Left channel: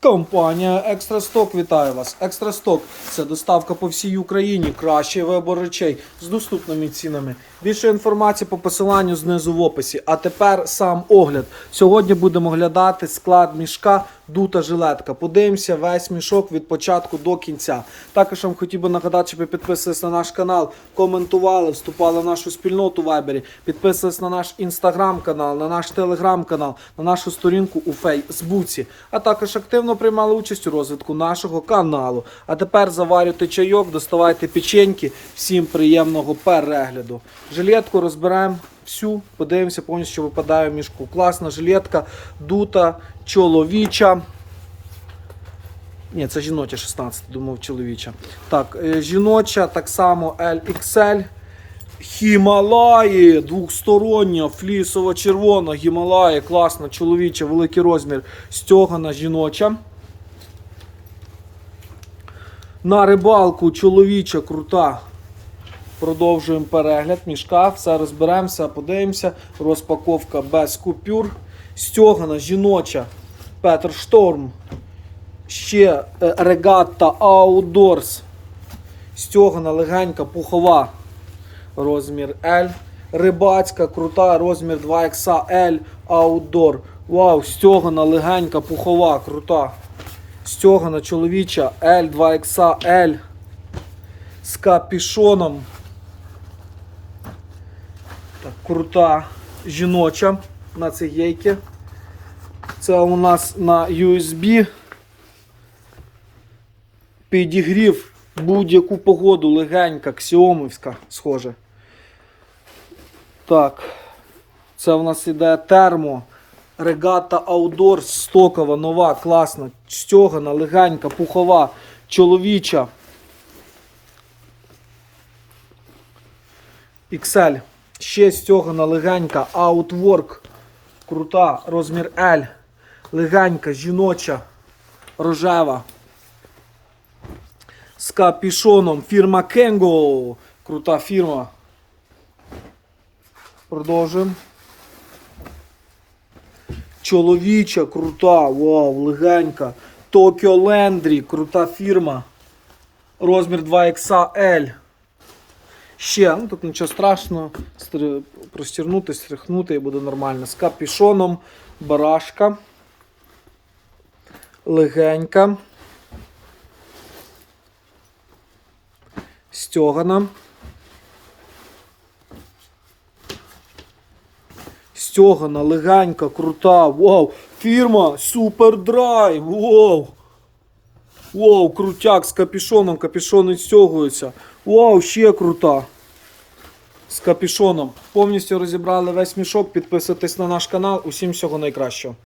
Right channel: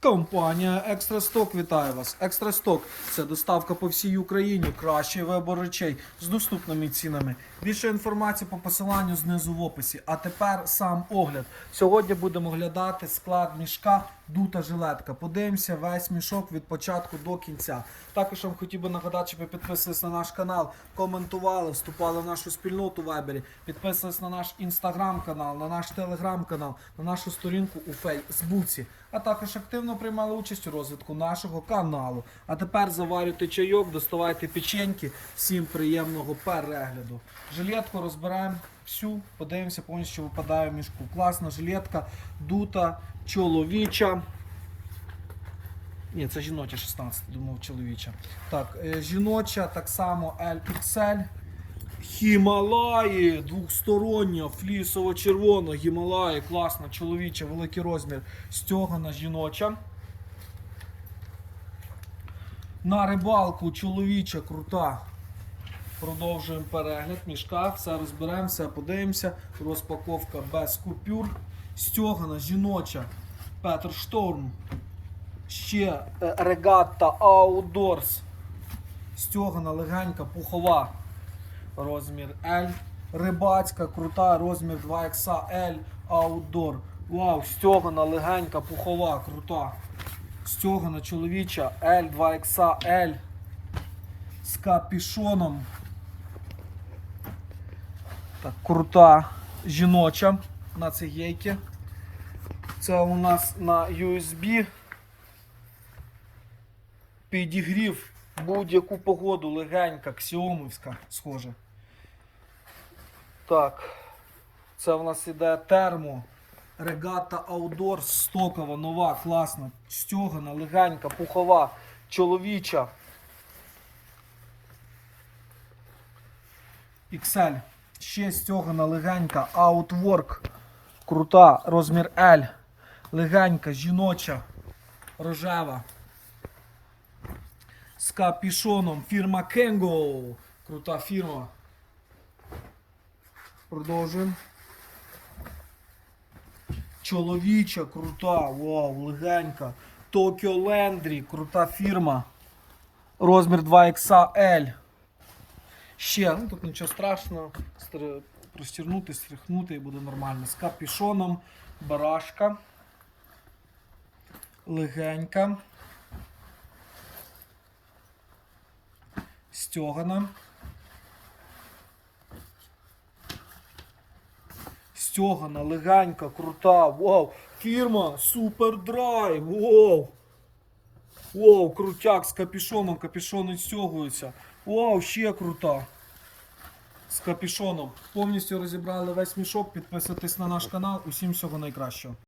Компанія Екстрасток вітає вас. Екстрасток це доставка по всій Україні. Кращий вибор речей з доступними цінами. Більше інформації по посиланню знизу в описі. А тепер сам огляд. Сьогодні будемо оглядати склад мішка дута жилетка. Подивимося весь мішок від початку до кінця. Також вам хотів би нагадати, щоб ви підписувались на наш канал, коментували, вступали в нашу спільноту в Вайбері, підписувались на наш інстаграм-канал, на наш телеграм-канал, на нашу сторінку у Фейсбуці, а також активно приймали участь у розвитку нашого каналу. А тепер заварюйте чайок, доставайте печеньки. Всім приємного перегляду. Жилетку розберемо всю, подивимося повністю, що випадає в мішку. Класна жилетка, дута, чоловіча. Ні, це жіноча 16, думав чоловіча. Так, е, жіноча, так само LXL. Хімалаї, двохстороння, флісова червона, Гімалаї, класна, чоловіча, великий розмір, стьогана жіноча. На рибалку чоловіча, крута. Продовжуємо перегляд мішка, все розберемося, подивимося. Розпаковка без купюр. Стьогана жіноча, Петр Шторм. Ще е, регатта Outdoors. Стьогана легенька, пухова. Розмір L. Рибацька, крута, розмір 2XL Outdoor. Вау, стьогана легенька, пухова, крута. Стьогана чоловіча L, 2XL. З капішоном. Так, крута жіноча на цигейки. Це у нас на USB. Підігрів будь-яку погоду легенька, ксіомівська, схоже. Так. Це у нас іде термо. Регата Outdoor стокова, нова, класна, стьогана, легенька, пухова, чоловіча. XL. Ще стьогана легенька, Outwork. Крута, розмір L. Легенька, жіноча, рожева. З капішоном. Фірма Kengo. Крута фірма. Продовжуємо. Чоловіча, крута, вау, легенька. Tokyo Landry, крута фірма. Розмір 2XL. Ще, ну тут нічого страшного. Простірнути, стряхнути і буде нормально. З капішоном, барашка. Легенька. Стьогана. Стьогана, легенька, крута. Вау! Фірма Супер Драйв! Вау! Вау, крутяк з капішоном, капішон відстягується. Вау, ще крута. З капішоном. Повністю розібрали весь мішок. Підписуйтесь на наш канал. Усім всього найкращого.